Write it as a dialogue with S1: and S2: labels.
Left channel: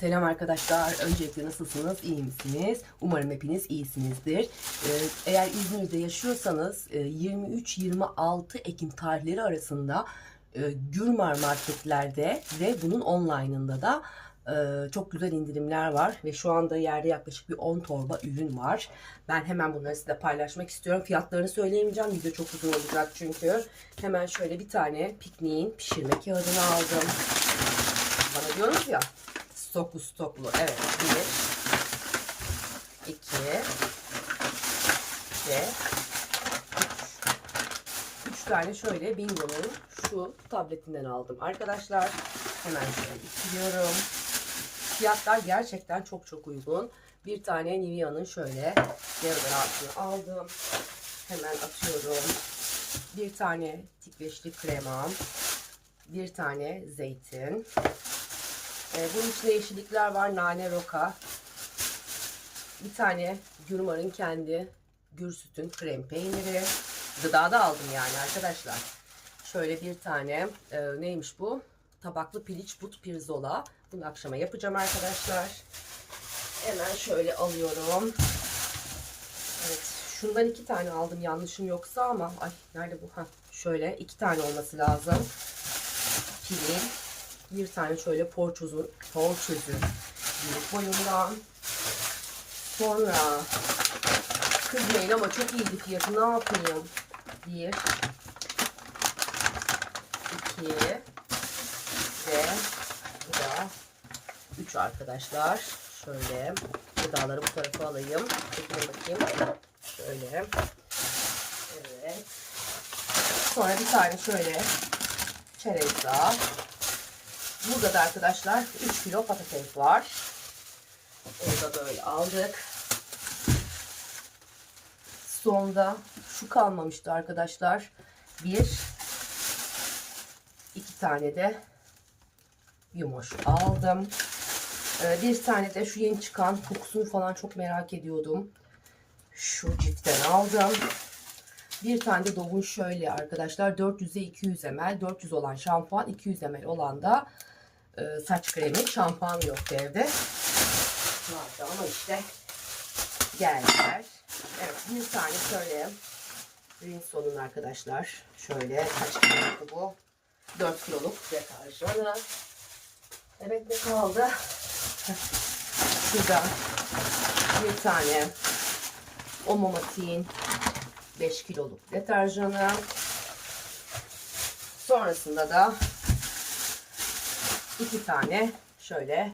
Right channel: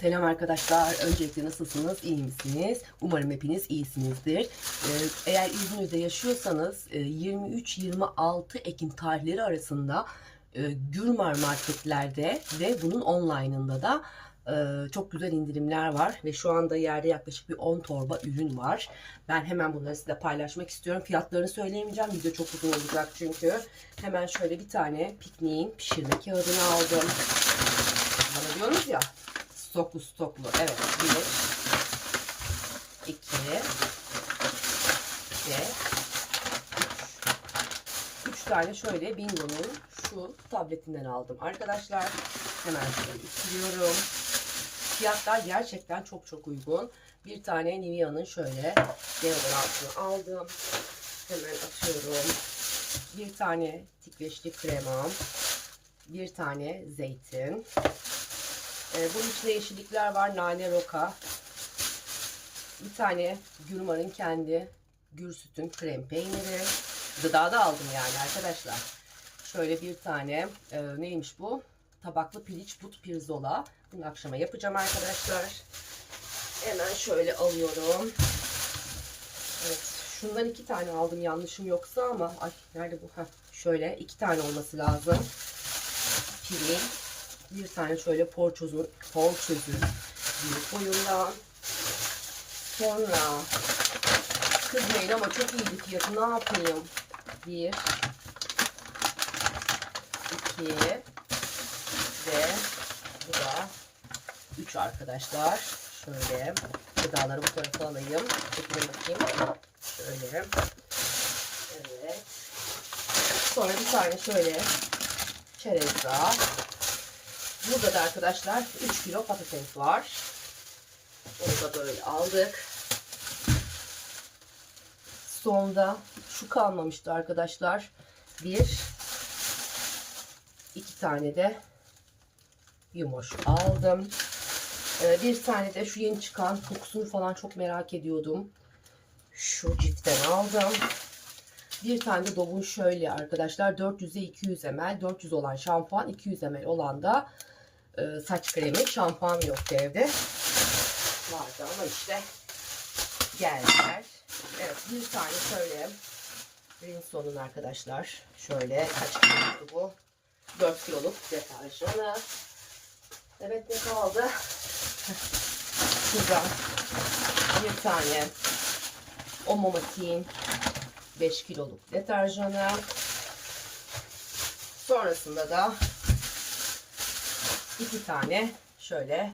S1: Selam arkadaşlar. Öncelikle nasılsınız? İyi misiniz? Umarım hepiniz iyisinizdir. Ee, eğer İzmir'de yaşıyorsanız e, 23-26 Ekim tarihleri arasında e, Gürmar marketlerde ve bunun online'ında da e, çok güzel indirimler var ve şu anda yerde yaklaşık bir 10 torba ürün var. Ben hemen bunları size paylaşmak istiyorum. Fiyatlarını söyleyemeyeceğim. Video çok uzun olacak çünkü. Hemen şöyle bir tane pikniğin pişirme kağıdını aldım. Bana diyorsunuz ya stoklu stoklu. Evet. Bir, iki ve üç. Üç tane şöyle Bingo'nun şu tabletinden aldım. Arkadaşlar hemen şöyle ittiriyorum. Fiyatlar gerçekten çok çok uygun. Bir tane Nivea'nın şöyle deodorantını aldım. Hemen atıyorum. Bir tane tikveçli kremam. Bir tane zeytin. Ee, bunun içinde yeşillikler var. Nane roka. Bir tane Gürmar'ın kendi gür sütün krem peyniri. Gıdada aldım yani arkadaşlar. Şöyle bir tane e, neymiş bu? Tabaklı piliç but pirzola. Bunu akşama yapacağım arkadaşlar. Hemen şöyle alıyorum. Evet. Şundan iki tane aldım yanlışım yoksa ama ay nerede bu? Ha şöyle iki tane olması lazım. Pili. Bir tane şöyle porçozun, porçözün büyük boyundan. Sonra kızmayın ama çok iyiydi fiyatı. Ne yapayım? Bir, iki ve bu da üç arkadaşlar. Şöyle gıdaları bu tarafa alayım. Çekilin bakayım. Şöyle. Evet. Sonra bir tane şöyle çerez daha. Burada da arkadaşlar 3 kilo patates var. Onu da böyle aldık. Sonda şu kalmamıştı arkadaşlar. Bir, iki tane de yumuş aldım. Ee, bir tane de şu yeni çıkan kokusunu falan çok merak ediyordum. Şu cipten aldım. Bir tane de Dove'un şöyle arkadaşlar 400'e 200 ml 400 olan şampuan 200 ml olan da e, saç kremi şampuan yoktu evde. Vardı ama işte geldiler. Evet bir tane şöyle Rinson'un arkadaşlar. Şöyle kaç kiloluktu bu. 4 kiloluk deterjanı evet ne kaldı? Şurada bir tane Omomatik'in 5 kiloluk deterjanı. Sonrasında da iki tane şöyle